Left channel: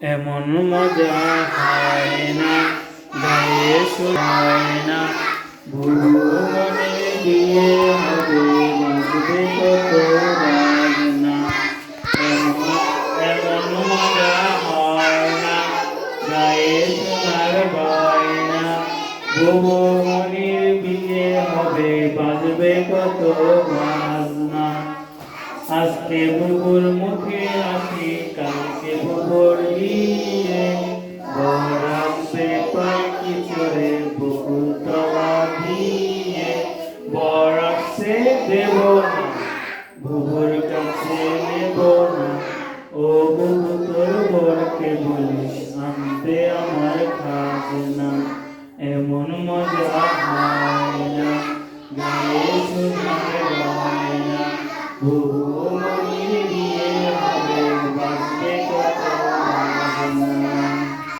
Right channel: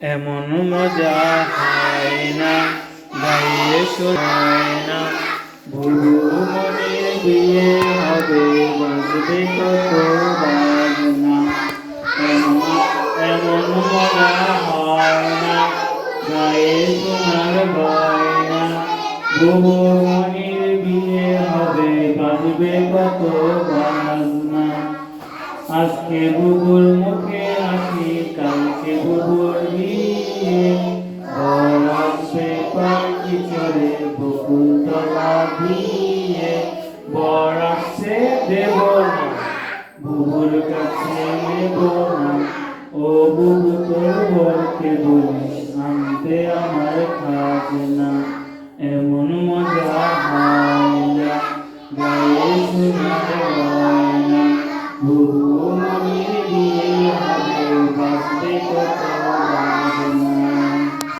এমন মজা হয় না, গায়ে শোনায় না। বুবু মনে বিয়ে হবে, বাজবে কত বাজনা। এমন এমন মজা হয় না, গায়ে শোনার গয়না। বুবু মনির বিয়ে হবে, বাজবে কত বাজনা। আজকে বুবুর মুখে হাসি, কালকে বুবুর বিয়ে। বর আসবে পালকি চড়ে বকুলতলা দিয়ে। বর আসছে দেব না, বুবুর কাছে নেব না। ও বুবু তোর বরকে বলিস আনতে আমার খাজনা।